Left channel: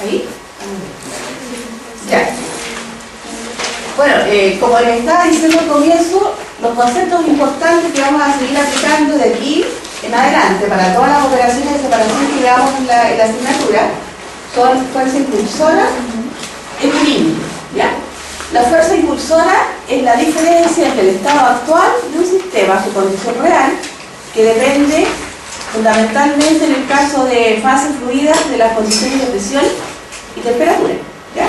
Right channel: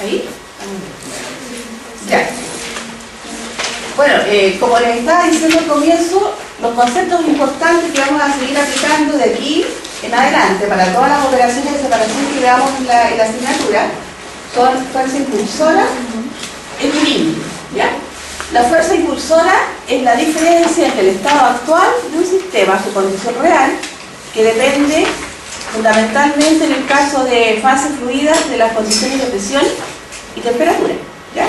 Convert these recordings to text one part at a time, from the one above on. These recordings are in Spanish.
¿Ahí? Ya. Bueno, como les estaba diciendo al comienzo, los conceptos importantes que vamos a seguir aplicando de aquí en adelante para todas las operaciones de separación que veamos en la asignatura son fuerza impulsora, equilibrio, ¿ya? La fuerza impulsora es la diferencia entre el estado actual de un sistema, su condición real, que depende fundamentalmente en el caso de fases fluidas de las condiciones de presión y temperatura, ¿ya?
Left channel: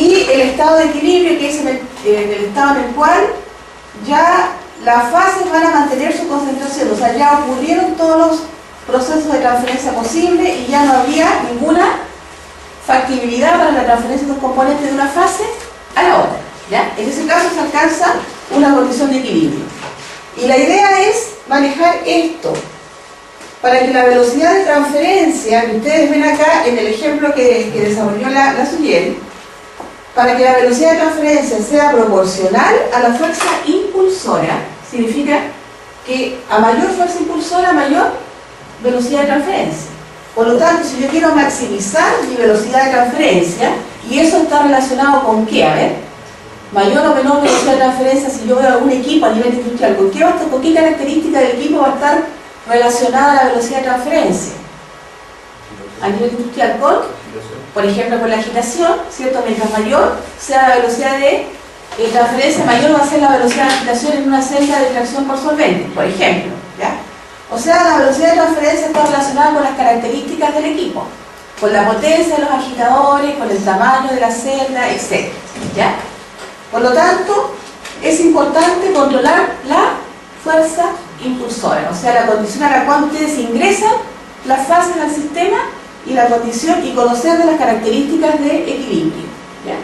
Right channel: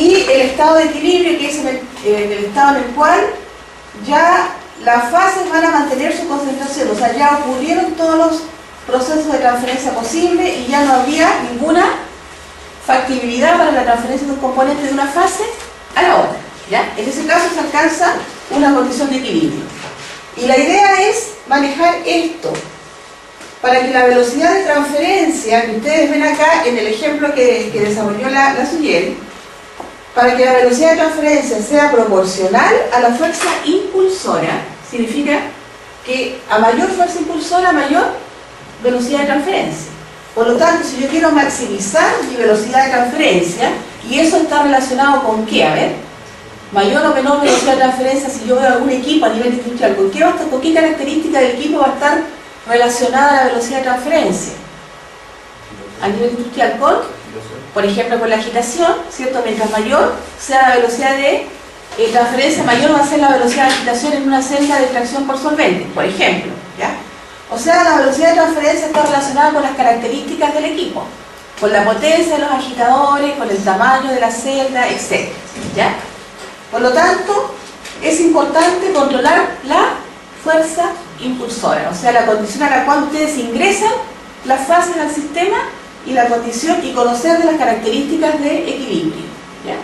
Y el estado de equilibrio, que es el estado en el cual ya las fases van a mantener su concentración, o sea, ya ocurrieron todos los procesos de transferencia posibles y ya no habría ninguna factibilidad para la transferencia de los componentes de una fase a la otra, ¿ya? En ese caso se alcanza una condición de equilibrio. Y la idea es manejar esto para que la velocidad de transferencia que ustedes ven acá en el ejemplo que desarrolló la Suyel, para que la velocidad de transferencia sea proporcional a la fuerza impulsora, significa que a mayor fuerza impulsora, mayor velocidad de transferencia. Por lo tanto, si yo quiero maximizar mi velocidad de transferencia, y eso está relacionado con ¿qué? A ver, mayor o menor velocidad de transferencia, si yo veo algún equipo a nivel industrial, ¿con qué característica del equipo va a estar relacionada a la velocidad de transferencia? A nivel industrial con, por ejemplo, con la agitación, ¿cierto? Mientras mayor sea la velocidad de transferencia, mayor va a ser la velocidad de agitación en una celda de extracción por solvente, por ejemplo, ¿ya? O sea, la velocidad de transferencia está relacionada con las características del equipo, con la potencia de los agitadores, con el tamaño de la celda, etc., ¿ya? Por lo tanto, es importante controlar la fuerza impulsora, o sea, la condición a la cual ustedes ingresan las fases al sistema y la condición y conocer de las características de equilibrio, ¿ya?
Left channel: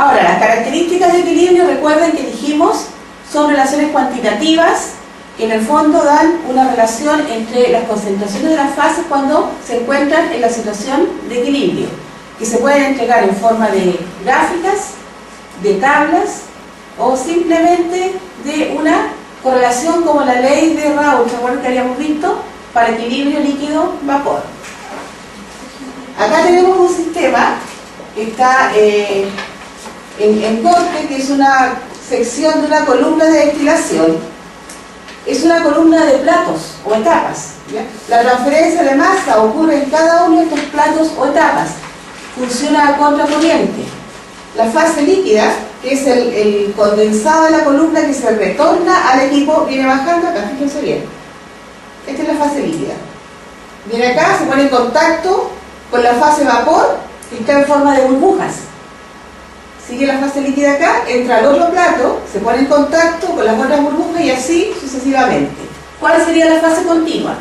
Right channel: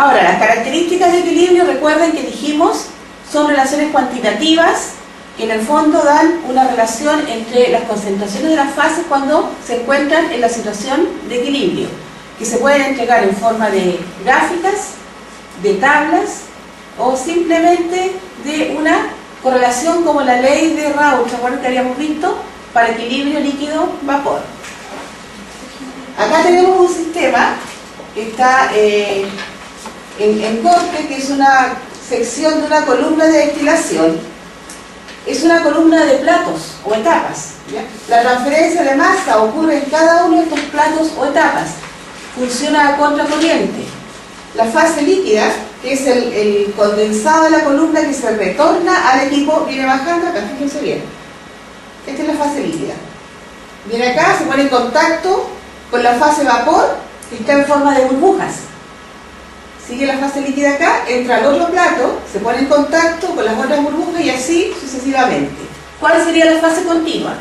Ahora, las características de equilibrio, recuerden que dijimos, son relaciones cuantitativas que en el fondo dan una relación entre las concentraciones de las fases cuando se encuentran en la situación de equilibrio, que se pueden entregar en forma de gráficas, de tablas o simplemente de una correlación como la ley de Raoult, ¿se acuerdan que habíamos visto? Para equilibrio líquido-vapor. Acá tenemos un sistema que está en corte, que es una sección de una columna de destilación. Es una columna de platos o etapas, ¿ya? La transferencia de masa ocurre en cada uno de estos platos o etapas. Funciona a contracorriente. La fase líquida, que es el condensado de la columna que se retorna al equipo, viene bajando acá, fíjense bien. Esta es la fase líquida. Viene acá, se pone en contacto con la fase vapor, que está en forma de burbujas. Sigue la fase líquida acá, entra al otro plato, se pone en contacto con las otras burbujas y así sucesivamente. ¿Cuál sería la fase continua?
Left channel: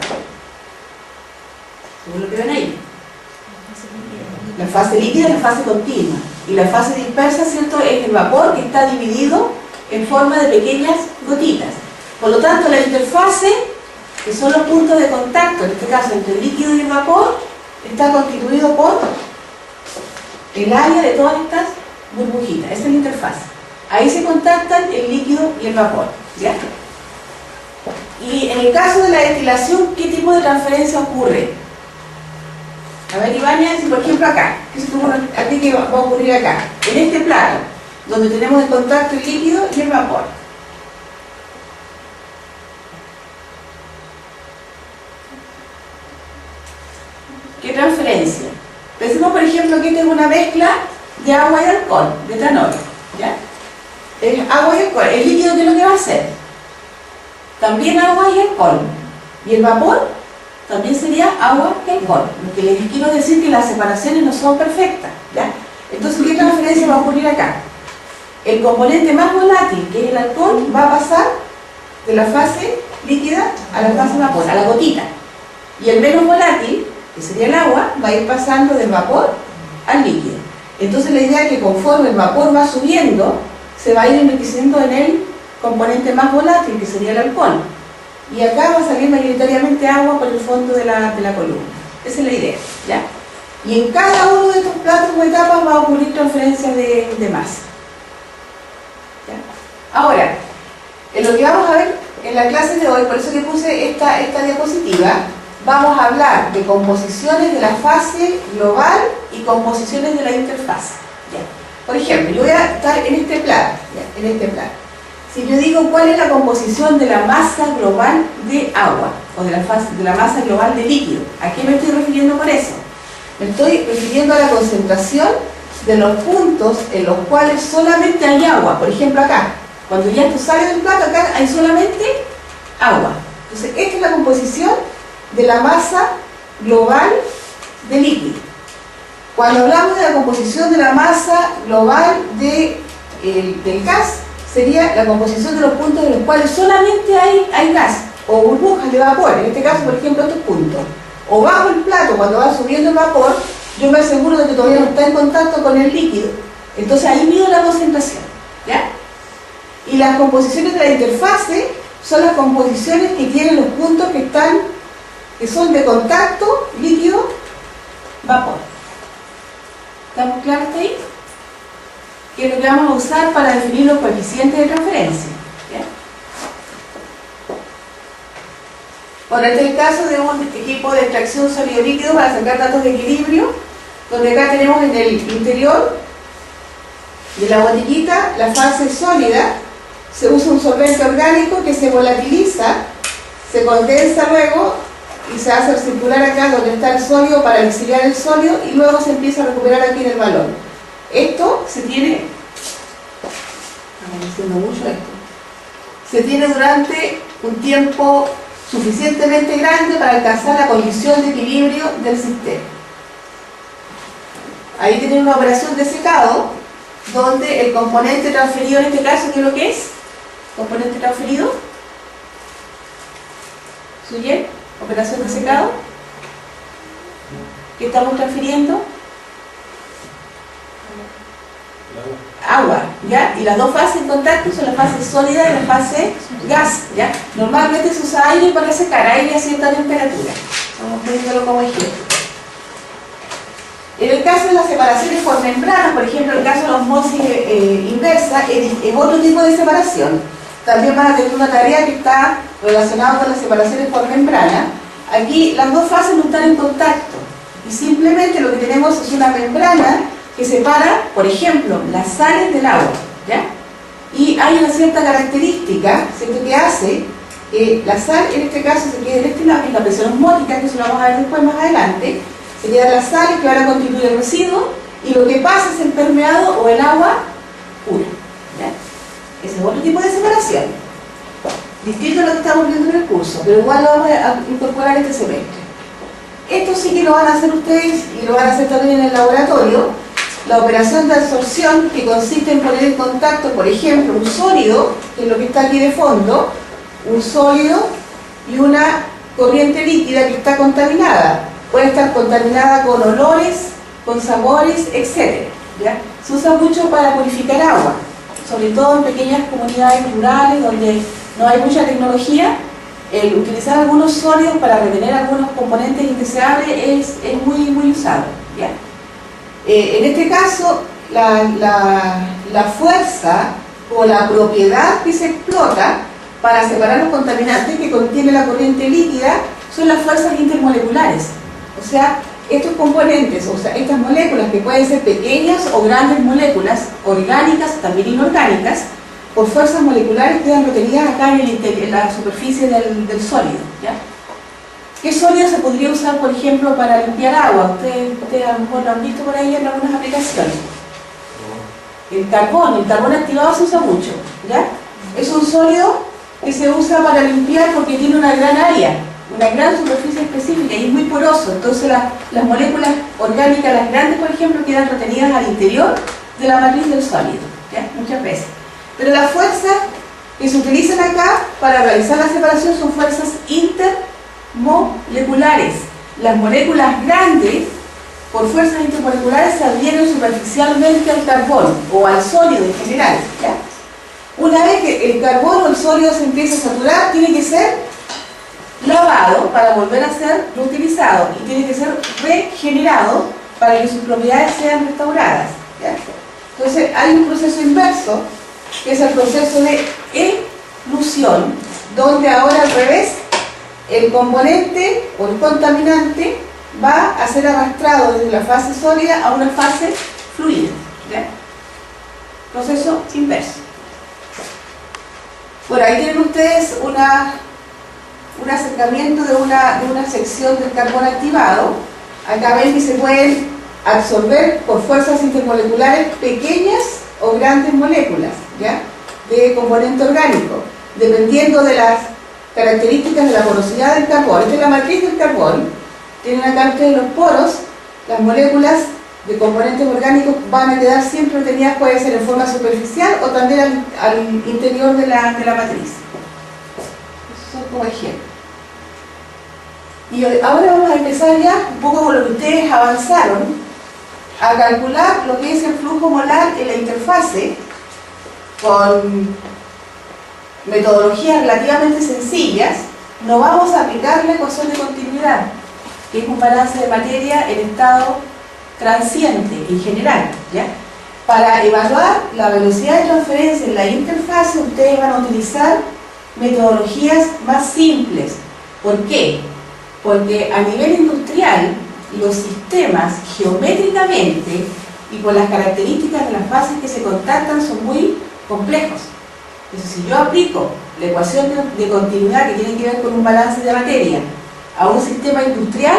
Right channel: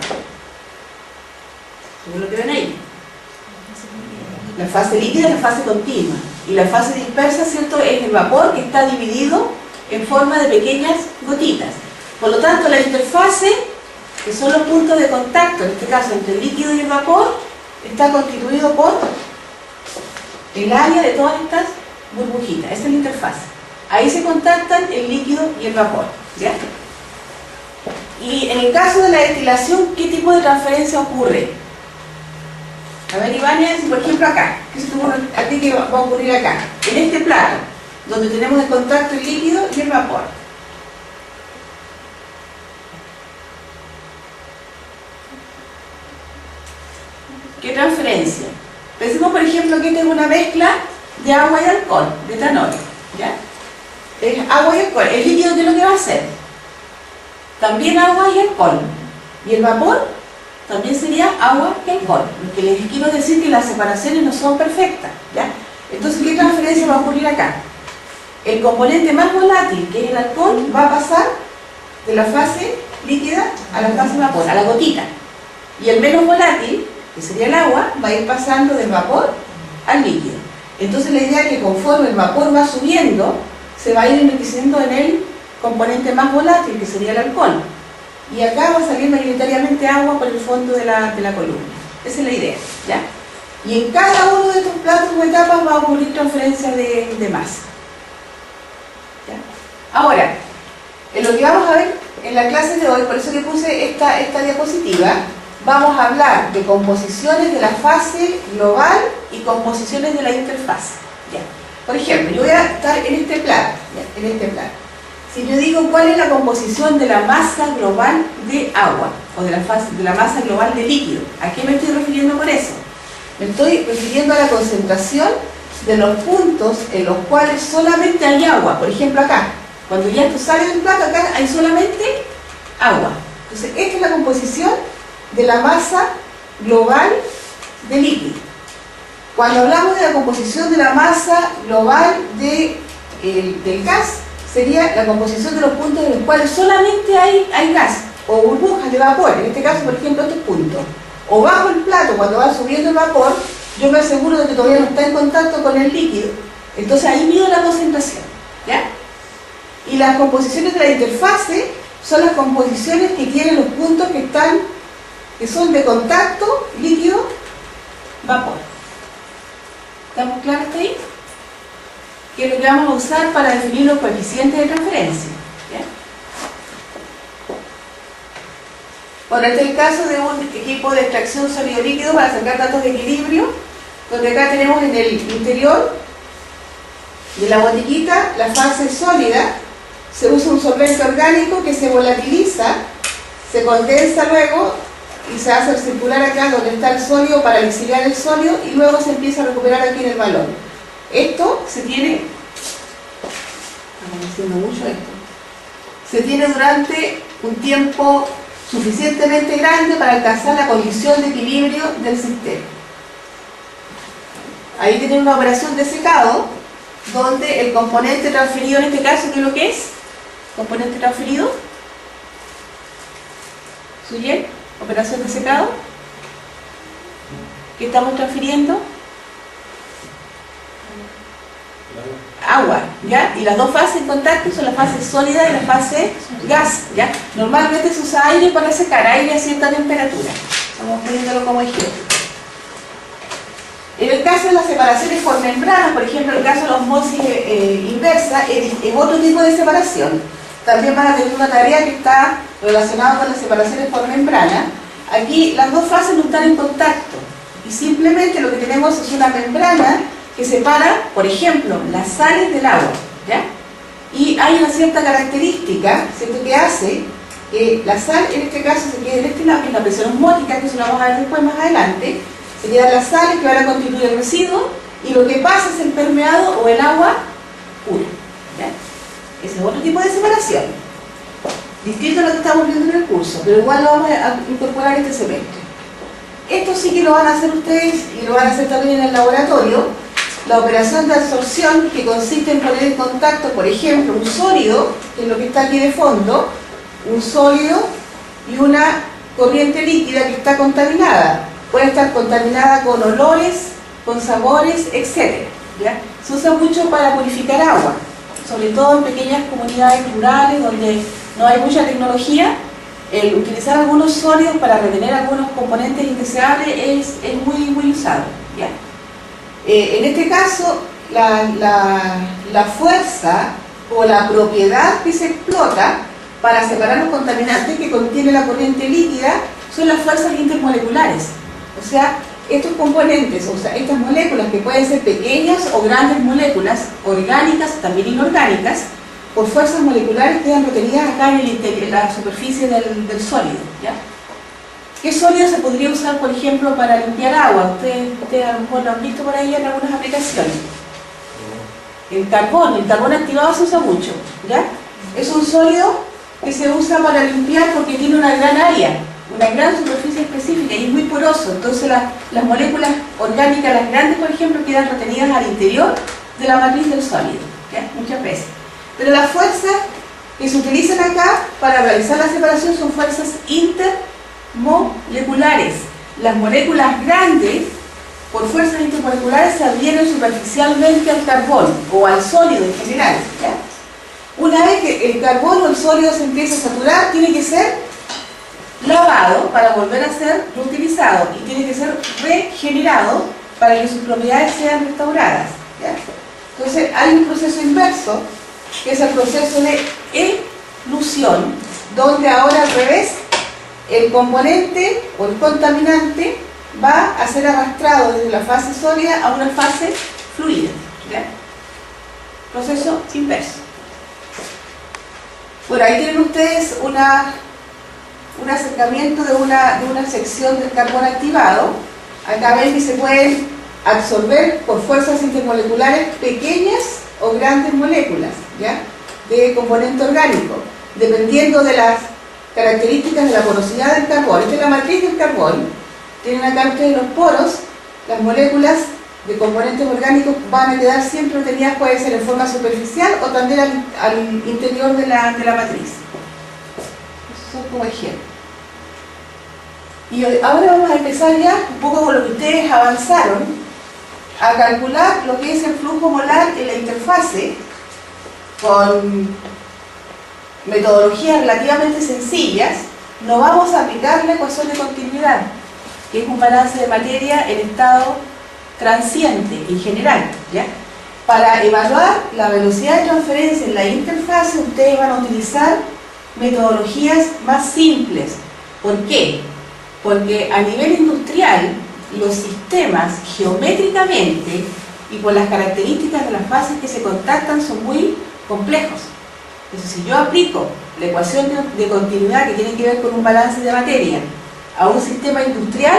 ¿Según lo que ven ahí? La fase líquida es la fase continua. Y la fase dispersa, ¿cierto?, es el vapor que está dividido en forma de pequeñas gotitas. Por lo tanto, la interfase, que son los puntos de contacto, en este caso entre el líquido y el vapor, está constituido por el área de todas estas burbujitas. Esa es la interfase. Ahí se contactan el líquido y el vapor, ¿ya? Y en el caso de la destilación, ¿qué tipo de transferencia ocurre? A ver, Ibáñez, por ejemplo acá, ¿qué se te ocurre a ti que va a ocurrir acá? En este plato, donde tenemos en contacto el líquido y el vapor. ¿Qué transferencia? Pensemos, por ejemplo, que esta es una mezcla de agua y alcohol, de etanol, ¿ya? Es agua y alcohol. ¿El líquido qué es lo que va a hacer? También agua y alcohol. ¿Y el vapor? También sería agua y alcohol. Lo que les quiero decir que las separaciones no son perfectas, ¿ya? Entonces, ¿qué transferencia va a ocurrir acá? El componente más volátil, que es el alcohol, va a pasar de la fase líquida a la fase vapor, a la gotita. Y el menos volátil, que sería el agua, va a ir pasando del vapor al líquido. Entonces la idea es que conforme el vapor va subiendo, se va a ir enriqueciendo en el componente más volátil, que sería el alcohol. Y acá va a salir mayoritariamente agua por el fondo de la columna. Esa es la idea, ¿ya? Y en cada uno de estos platos o etapas va a ocurrir transferencia de masa, ¿ya? Ahora, en lo que vamos a ver en la clase de hoy, por eso que puse esta diapositiva, vamos a hablar de composiciones de la fase global y composiciones de la interfaz. ¿Ya? Por ejemplo, yo voy a estar en este plano, ¿ya? En este plano. Si yo digo cuál es la composición de la masa global de agua, o de la masa global de líquido, ¿a qué me estoy refiriendo con eso? Me estoy refiriendo a la concentración de los puntos en los cuales solamente hay agua. Por ejemplo, acá, cuando ya esto sale del plato, acá hay solamente agua. Entonces, esta es la composición de la masa global de líquido. Cuando hablamos de la composición de la masa global del gas, sería la composición de los puntos en los cuales solamente hay gas o burbujas de vapor. En este caso, por ejemplo, estos puntos. O bajo el plato, cuando va subiendo el vapor, yo me aseguro de que todavía no está en contacto con el líquido. Entonces ahí mido la concentración, ¿ya? Y las composiciones de la interfase son las composiciones que tienen los puntos que son de contacto líquido-vapor. ¿Estamos claros hasta ahí? Que es lo que vamos a usar para definir los coeficientes de transferencia, ¿ya? Bueno, este es el caso de un equipo de extracción sólido-líquido para sacar datos de equilibrio, donde acá tenemos en el interior de la botellita la fase sólida. Se usa un solvente orgánico que se volatiliza, se condensa luego y se hace circular acá donde está el sólido para exiliar el sólido y luego se empieza a recuperar aquí en el balón. Esto se tiene, se tiene durante un tiempo suficientemente grande para alcanzar la condición de equilibrio del sistema. Ahí tienen una operación de secado donde el componente transferido, en este caso, ¿qué es lo que es? Componente transferido, ¿suye? Operación de secado. ¿Qué estamos transfiriendo? Agua, ¿ya? Y las dos fases en contacto son la fase sólida y la fase gas, ¿ya? Normalmente se usa aire para secar, aire a cierta temperatura. Vamos poniéndolo como ejemplo. En el caso de las separaciones por membranas, por ejemplo, en el caso de la osmosis inversa, es otro tipo de separación. También van a tener una tarea que está relacionada con las separaciones por membrana. Aquí las dos fases no están en contacto y simplemente lo que tenemos es una membrana que separa, por ejemplo, las sales del agua, ¿ya? Y hay una cierta característica, ¿cierto?, que hace que la sal, en este caso, se quede en este lado, en la presión osmótica, que eso lo vamos a ver después más adelante. Se quedan las sales que van a constituir el residuo y lo que pasa es el permeado o el agua pura, ¿ya? Ese es otro tipo de separación, distinto a lo que estamos viendo en el curso, pero igual lo vamos a incorporar este semestre. Esto sí que lo van a hacer ustedes y lo van a hacer también en el laboratorio. La operación de absorción, que consiste en poner en contacto, por ejemplo, un sólido, que es lo que está aquí de fondo, un sólido y una corriente líquida que está contaminada. Puede estar contaminada con olores, con sabores, etc. ¿Ya? Se usa mucho para purificar agua, sobre todo en pequeñas comunidades rurales donde no hay mucha tecnología. El utilizar algunos sólidos para retener algunos componentes indeseables es muy usado, ¿ya? En este caso, la fuerza o la propiedad que se explota para separar los contaminantes que contiene la corriente líquida son las fuerzas intermoleculares. O sea, estos componentes, o sea, estas moléculas que pueden ser pequeñas o grandes moléculas, orgánicas, también inorgánicas, por fuerzas moleculares quedan retenidas acá en la superficie del sólido, ¿ya? ¿Qué sólido se podría usar, por ejemplo, para limpiar agua? Ustedes a lo mejor lo han visto por ahí en algunas aplicaciones. El carbón activado se usa mucho, ¿ya? Es un sólido que se usa para limpiar porque tiene una gran área, una gran superficie específica y es muy poroso. Entonces las moléculas orgánicas, las grandes, por ejemplo, quedan retenidas al interior de la matriz del sólido, ¿ya? Muchas veces. Pero las fuerzas que se utilizan acá para realizar la separación son fuerzas intermoleculares. Las moléculas grandes, por fuerzas intermoleculares, se adhieren superficialmente al carbón o al sólido en general, ¿ya? Una vez que el carbón o el sólido se empieza a saturar, tiene que ser lavado para volver a ser reutilizado y tiene que ser regenerado para que sus propiedades sean restauradas, ¿ya? Entonces hay un proceso inverso, que es el proceso de elución, donde ahora al revés, el componente o el contaminante va a ser arrastrado desde la fase sólida a una fase fluida, ¿ya? Proceso inverso. Bueno, ahí tienen ustedes un acercamiento de una sección del carbón activado. Acá ven que se pueden absorber por fuerzas intermoleculares pequeñas o grandes moléculas, ¿ya?, de componente orgánico, dependiendo de las características de la porosidad del carbón. Esta es la matriz del carbón. Tienen acá ustedes los poros. Las moléculas de componentes orgánicos van a quedar siempre obtenidas, puede ser en forma superficial o también al interior de la matriz. Esos son como ejemplos. Y ahora vamos a empezar ya un poco con lo que ustedes avanzaron, a calcular lo que es el flujo molar en la interfase con metodologías relativamente sencillas. No vamos a aplicar la ecuación de continuidad, que es un balance de materia en estado transiente en general, ¿ya? Para evaluar la velocidad de transferencia en la interfase, ustedes van a utilizar metodologías más simples. ¿Por qué? Porque a nivel industrial, los sistemas geométricamente y por las características de las fases que se contactan son muy complejos. Entonces, si yo aplico la ecuación de continuidad que tiene que ver con un balance de materia a un sistema industrial,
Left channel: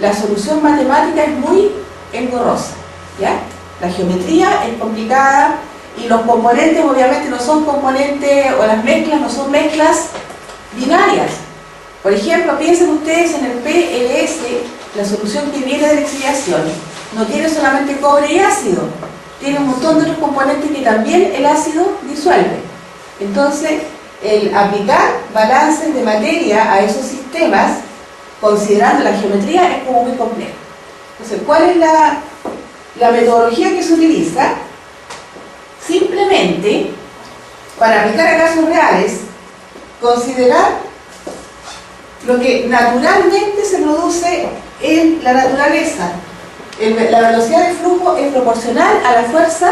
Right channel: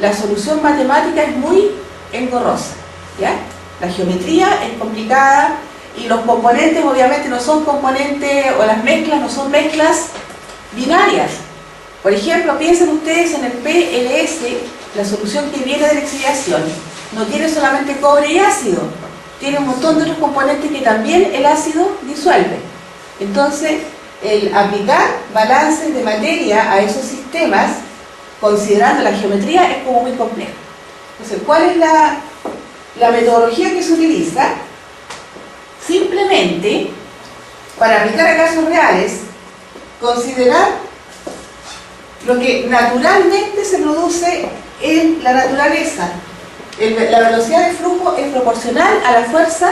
la solución matemática es muy engorrosa, ¿ya? La geometría es complicada y los componentes obviamente no son componentes, o las mezclas no son mezclas binarias. Por ejemplo, piensen ustedes en el PLS, la solución que viene de la exiliación, no tiene solamente cobre y ácido, tiene un montón de otros componentes que también el ácido disuelve. Entonces, el aplicar balances de materia a esos sistemas, considerando la geometría, es como muy complejo. Entonces, ¿cuál es la metodología que se utiliza? Simplemente, para aplicar a casos reales, considerar lo que naturalmente se produce en la naturaleza. La velocidad de flujo es proporcional a la fuerza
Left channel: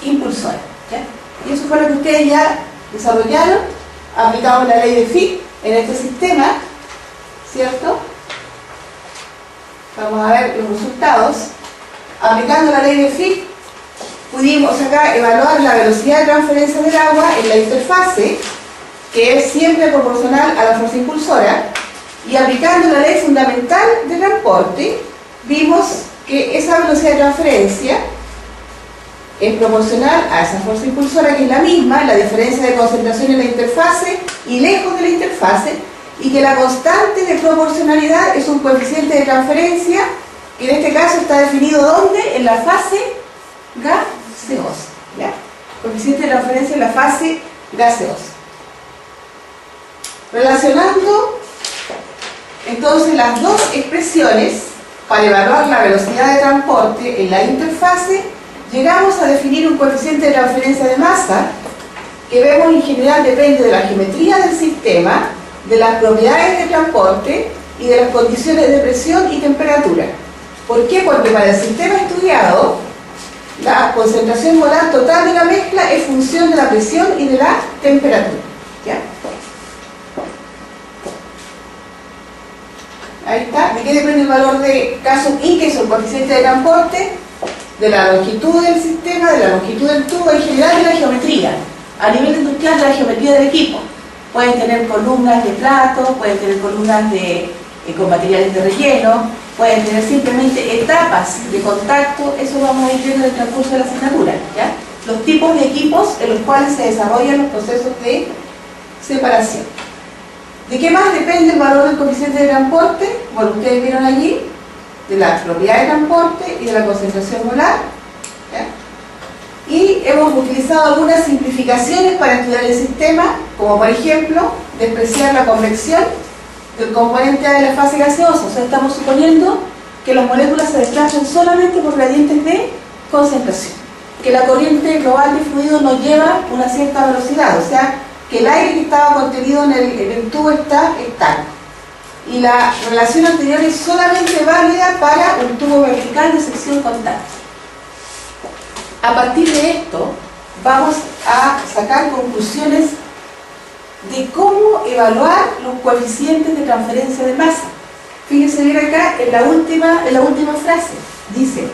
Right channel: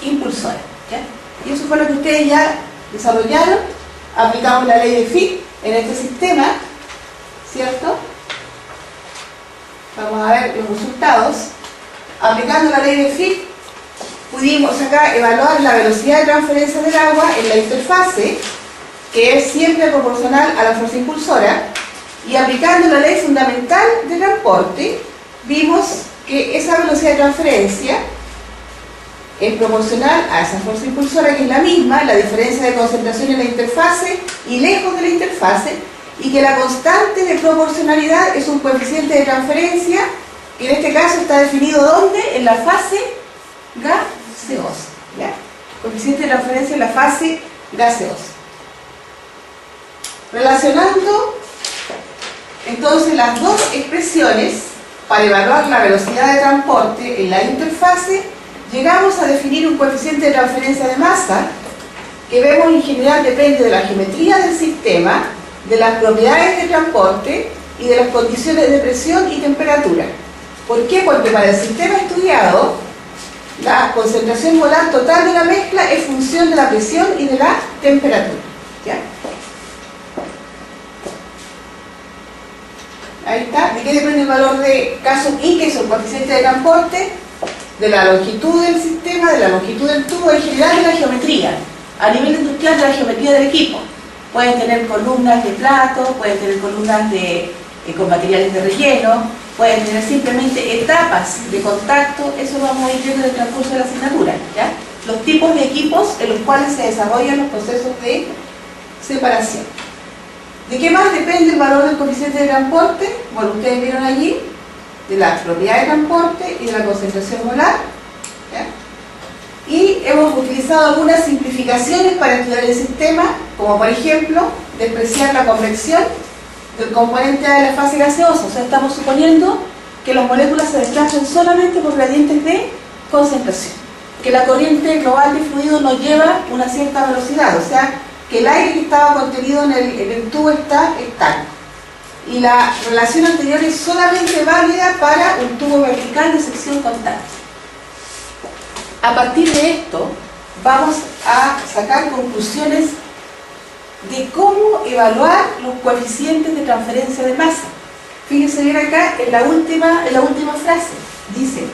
impulsora, ¿ya? Y eso fue lo que ustedes ya desarrollaron. Aplicamos la ley de Fick en este sistema, ¿cierto? Vamos a ver los resultados. Aplicando la ley de Fick, pudimos acá evaluar la velocidad de transferencia del agua en la interfase, que es siempre proporcional a la fuerza impulsora, y aplicando la ley fundamental de transporte, vimos que esa velocidad de transferencia es proporcional a esa fuerza impulsora, que es la misma, la diferencia de concentración en la interfase y lejos de la interfase, y que la constante de proporcionalidad es un coeficiente de transferencia, que en este caso está definido ¿dónde? En la fase gaseosa, ¿ya? Coeficiente de transferencia en la fase gaseosa. Relacionando entonces las dos expresiones para evaluar la velocidad de transporte en la interfase, llegamos a definir un coeficiente de transferencia de masa que vemos en general depende de la geometría del sistema, de las propiedades de transporte y de las condiciones de presión y temperatura. ¿Por qué? Porque para el sistema estudiado, la concentración molar total de la mezcla es función de la presión y de la temperatura, ¿ya? Ahí está. ¿De qué depende el valor de caso I, que es el coeficiente de transporte? De la longitud del sistema, de la longitud del tubo, en general de la geometría. A nivel industrial, de la geometría del equipo. Pueden tener columnas de plato, pueden tener columnas con materiales de relleno, pueden tener simplemente etapas de contacto. Eso lo vamos a ir viendo en el transcurso de la asignatura, ¿ya? Los tipos de equipos en los cuales se desarrollan los procesos de separación. ¿De qué más depende el valor del coeficiente de transporte? Bueno, ustedes vieron allí, de la propiedad de transporte y de la concentración molar, ¿ya? Y hemos utilizado algunas simplificaciones para estudiar el sistema, como por ejemplo, despreciar la convección del componente A de la fase gaseosa. O sea, estamos suponiendo que las moléculas se desplazan solamente por gradientes de concentración, que la corriente global de fluido nos lleva una cierta velocidad, o sea, que el aire que estaba contenido en el tubo está estático. Y la relación anterior es solamente válida para un tubo vertical de sección constante. A partir de esto, vamos a sacar conclusiones de cómo evaluar los coeficientes de transferencia de masa. Fíjese bien acá en la última frase. Dice,